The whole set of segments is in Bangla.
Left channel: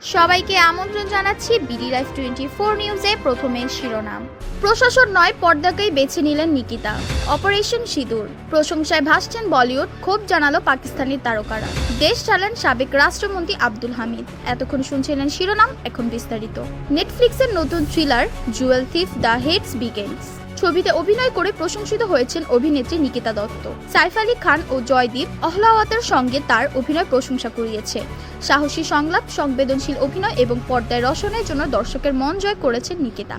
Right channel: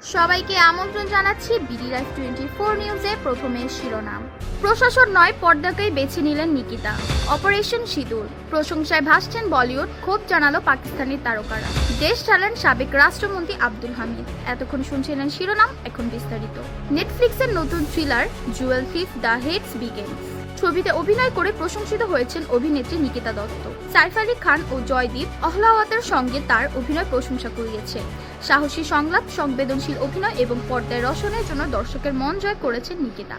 সবাইকে আমন্ত্রণ জানাচ্ছি বিডি লাইফ টোয়েন্টি ফোর নিউজে প্রথমে শিরোনাম। প্রশাসন নয় পর্দাকেই বেছে নিলেন নিকিতা। অপারেশন সিঁদুর। প্রশংসায় ভাসছেন বলিউড, ক্ষোভ জানালো পাকিস্তানের তারকারা। দেশ চালান সাবেক রাষ্ট্রমন্ত্রী আব্দুল হামিদ। এতক্ষণ শুনছিলেন শিরোনাম, এখন বিস্তারিত। নেটফ্লিক্সের নতুন থ্রিলার জুয়েল থিফ দ্য হেডস বিগেন্স ছবিতে অভিনয় করে প্রশংসিত হয়েছেন অভিনেত্রী নিকিতা দত্ত। সাইফ আলী খান ও জয়দীপ অহলাওয়াতের সঙ্গে তার অভিনয় প্রশংসা কুড়িয়েছে। সাহসী সংলাপ, সংবেদনশীল অভিনয় এবং পর্দায় রসনের জন্য দর্শকের মন জয় করেছেন নিকিতা।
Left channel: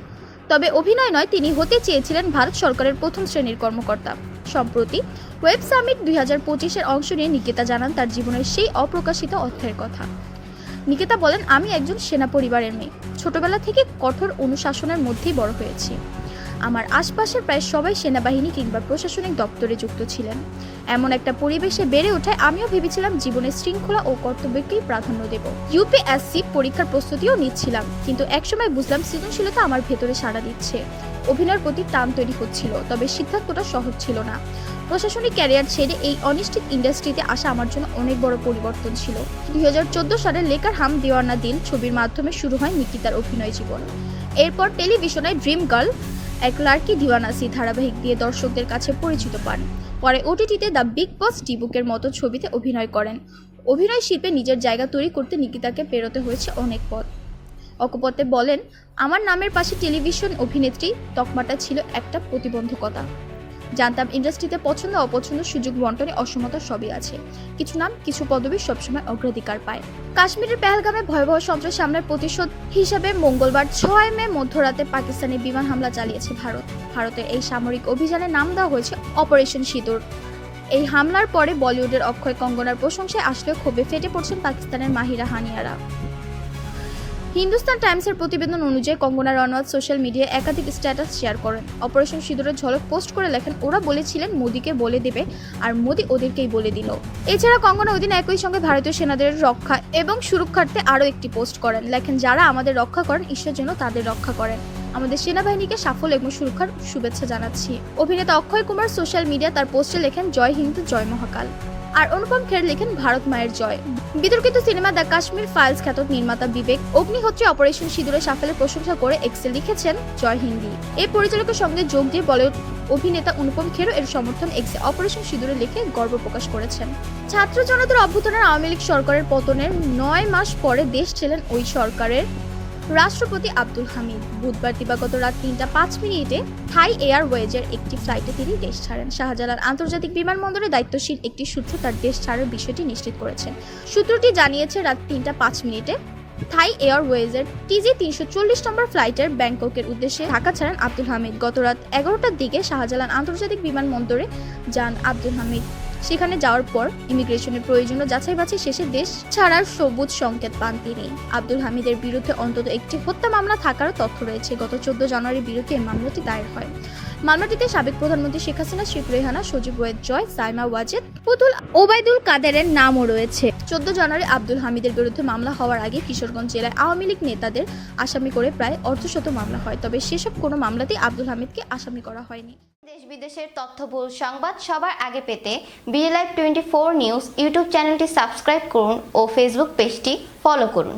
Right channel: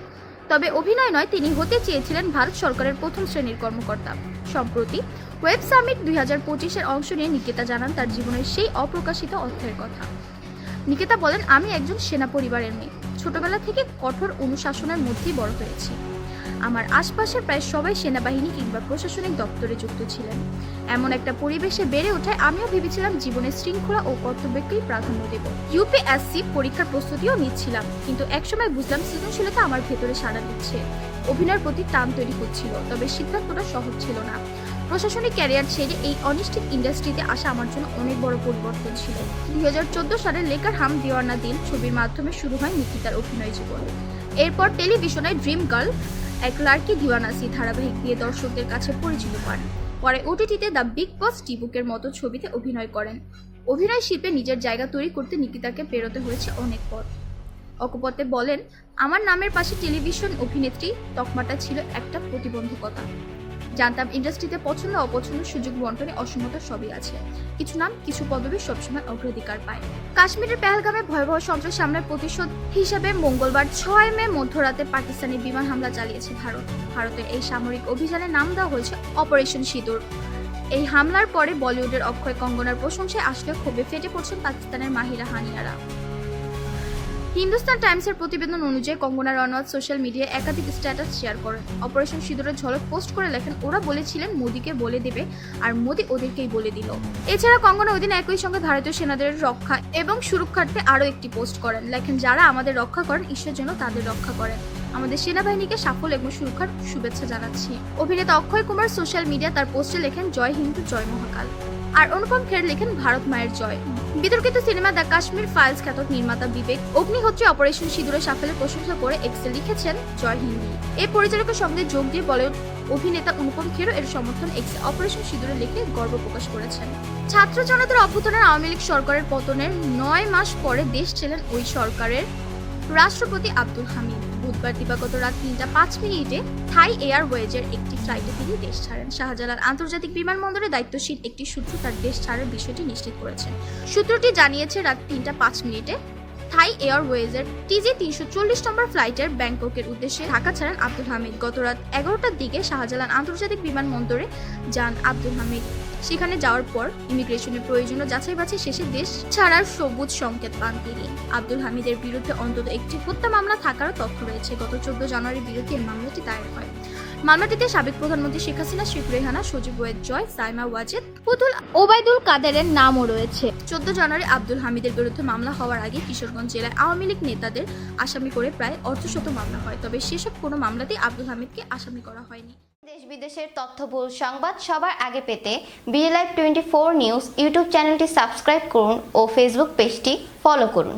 তবে অভিনয় নয়, তিনি হতে চেয়েছিলেন ভারত সরকারের প্রথম শ্রেণির কর্মকর্তা। সম্প্রতি ওয়েব সামিট দুই হাজার পঁচিশের অংশ নিয়ে নিকিতা জানান তার জীবনের সেই অপ্রকাশিত অর্থের কথা। নিকিতা বলেন, আমি একজন সেনা পরিবারের মেয়ে। ছোটবেলা থেকে কঠোর অনুশাসনের মধ্যেই বড় হয়েছি। আমার আশপাশের প্রায় সবাই সেনাবাহিনী কিংবা প্রশাসনিক দপ্তরে যুক্ত ছিলেন। এমন একটা পরিবেশে বেড়ে ওঠায় আমিও ভেবেছিলাম জীবনের শৃঙ্খলা ও কর্তব্যকেই প্রাধান্য দেব। ইউপিএসসি পরীক্ষার প্রস্তুতিও নিচ্ছিলাম, কিন্তু একসময় বুঝলাম সৃজনশীলতা আমার ভেতরে সাড়া দিচ্ছে। অভিনয়ের প্রতি টান তৈরি হচ্ছিল, তবে সিদ্ধান্তটা সহজ ছিল না। প্রশাসনিক ক্যারিয়ার ছেড়ে এই অনিশ্চিত ইন্ডাস্ট্রিতে আসা আমার জন্য অনেক বড় পরিবর্তন ছিল। দুই হাজার চোদ্দ সালে লেকার হাম দিওয়ানা দিন ছবির মাধ্যমে শুরু হয় নিকিতার অভিনয় জীবন। এরপর টেলিভিশনে ড্রিম গার্ল এক লার্কি দিওয়ানাসি ধারাবাহিক দিয়ে দর্শকদের কাছে পরিচিত পান। পরে ওটিটিতে দ্য বিগ বস ডিবুকের মতো ছবিতে অভিনয় করেন। অভিনয় শিল্পে নিজের জায়গা তৈরি করতে নিকিতাকে পেরোতে হয়েছে অনেক পথ। অকপতে বলেন, আমার নামের পাশে টেলিভিশন অভিনেত্রী তকমাটা ছিল একটা প্রতিবন্ধকতা। জানতাম ইন্ডাস্ট্রিতে পছন্দ অপছন্দ সুযোগ বন্টনে অসমতা সবই আছে। কিছু নাম, কিছু পদবি সবসময় অগ্রাধিকার পায়। কাশ্মীরের পেহেলগামে ভয়াবহ সন্ত্রাস হামলার প্রতিশোধ হিসাবে মঙ্গলবার ছয় মে মধ্যরাতে পাকিস্তানি বিমান হামলা চালিয়েছে ভারত। ভারতের এই সামরিক অভিযানে নাম দেওয়া হয়েছে অপারেশন সিঁদুর। এই হামলার পরে বলিউডের অক্ষয় কঙ্গনার প্রশংসায় আসলে ক্ষোভে ফেটে পড়ছেন পাকিস্তানের মাহিরা হানিয়ারা। হিন্দুস্তান টাইমসের প্রতিবেদন অনুযায়ী কঙ্গনা রনওয়াল সোশ্যাল মিডিয়ায় একাধিক স্ট্যাটাস শেয়ার করেন। অপারেশন সিঁদুরের ঝলক পোস্ট করে লেখেন, ওরা বলেছিলেন মোদিকে বলে দেবে আর মোদি ওদেরকেই বলে দিল। এছাড়া কঙ্গনা ওই একই সঙ্গে ভারতীয় সেনাদের রক্ষা এবং সুরক্ষার্থে আরও একটি পোস্ট করেন। লেখেন, যারা আমাদের রক্ষা করেন, ঈশ্বর যেন তাদের রক্ষা করেন। আমাদের সেনাবাহিনীকে সাফল্য এবং সুরক্ষার শুভেচ্ছা জানাচ্ছি। অভিনেতা অক্ষয় কুমার সোশ্যাল মিডিয়া তার পোস্টে লেখেন, জয় হিন্দ, জয় মহাকাল। আর অনুপম খের লেখেন ভারত মায়ের জয়। বিতর্কিত সিনেমা দ্য কাশ্মীর ফাইলস খ্যাত নির্মাতা বিবেক অগ্নিহোত্রী অপারেশন সিঁদুরের সাফল্যের প্রশংসা করে এক্সে লিখেছেন জয় হিন্দি। এই পরিচালকের সঙ্গে যোগ দিয়ে বলিউড অভিনেতা অনুপম খেরও এর সমর্থন এক্সে অপারেশন সিঁদুরে লিখে গর্ব প্রকাশ করেছেন। ছাত্র জনতার অভ্যুত্থানের আওয়ামী লীগ সরকারের পতনের নয় মাস পরে দেশ ছিলেন ওই সরকারের। রাষ্ট্রপতি আব্দুল হামিদ। বুধবার দিবাগত রাত তিনটা পাঁচ মিনিটে থাই এয়ারওয়েজের একটি ফ্লাইটে তিনি দেশ ছাড়েন। শাহজালাল আন্তর্জাতিক বিমানবন্দরে দায়িত্বশীল একটি সূত্র তার দেশ ছাড়ের বিষয়টি নিশ্চিত করেছেন। সূত্রটি জানিয়েছে, রাত তিনটা পাঁচ মিনিটে থাই এয়ারওয়েজের টিজি তিনশো চল্লিশ নম্বর ফ্লাইটের ব্যাংককের উদ্দেশ্যে ঢাকা ছাড়েন আব্দুল হামিদ। গত রাত এগারোটার দিকে শাহজালাল আন্তর্জাতিক বিমানবন্দরে যান আব্দুল হামিদ। সেখানে যাওয়ার পর ইমিগ্রেশনের প্রয়োজনীয় যাচাই বাছাই শেষে দেশ ছাড়ার সবুজ সংকেত পান তিনি। আব্দুল হামিদের বিরুদ্ধে অন্তত একটি হত্যা মামলা থাকারও তথ্য রয়েছে। গত চোদ্দ জানুয়ারির বিরুদ্ধে মামলাটি দায়ের হয়। মামলাটিতে সাবেক প্রধানমন্ত্রী শেখ হাসিনা, শেখ রেহানা, সজীব ওয়েদ জয়, সাইমা ওয়াজেদ পুতুল ওবায়দুল কাদেরের নামও রয়েছে। চোদ্দ জানুয়ারি আব্দুল হামিদের বিরুদ্ধে মামলা হওয়ার আগে কিশোরগঞ্জ জেলায় আওয়ামী লীগ নেতাদের আসামি করে প্রায় অর্ধশত মামলা হয়। তবে সেসব কোনো মামলাতেই আব্দুল হামিদকে আসামি করা হয়নি। দেশ বিদেশের তথ্যবহুল সংবাদ সবার আগে পেতে BD live twenty four news YouTube চ্যানেলটি সাবস্ক্রাইব করুন ও ফেসবুক পেজটি ফলো করুন।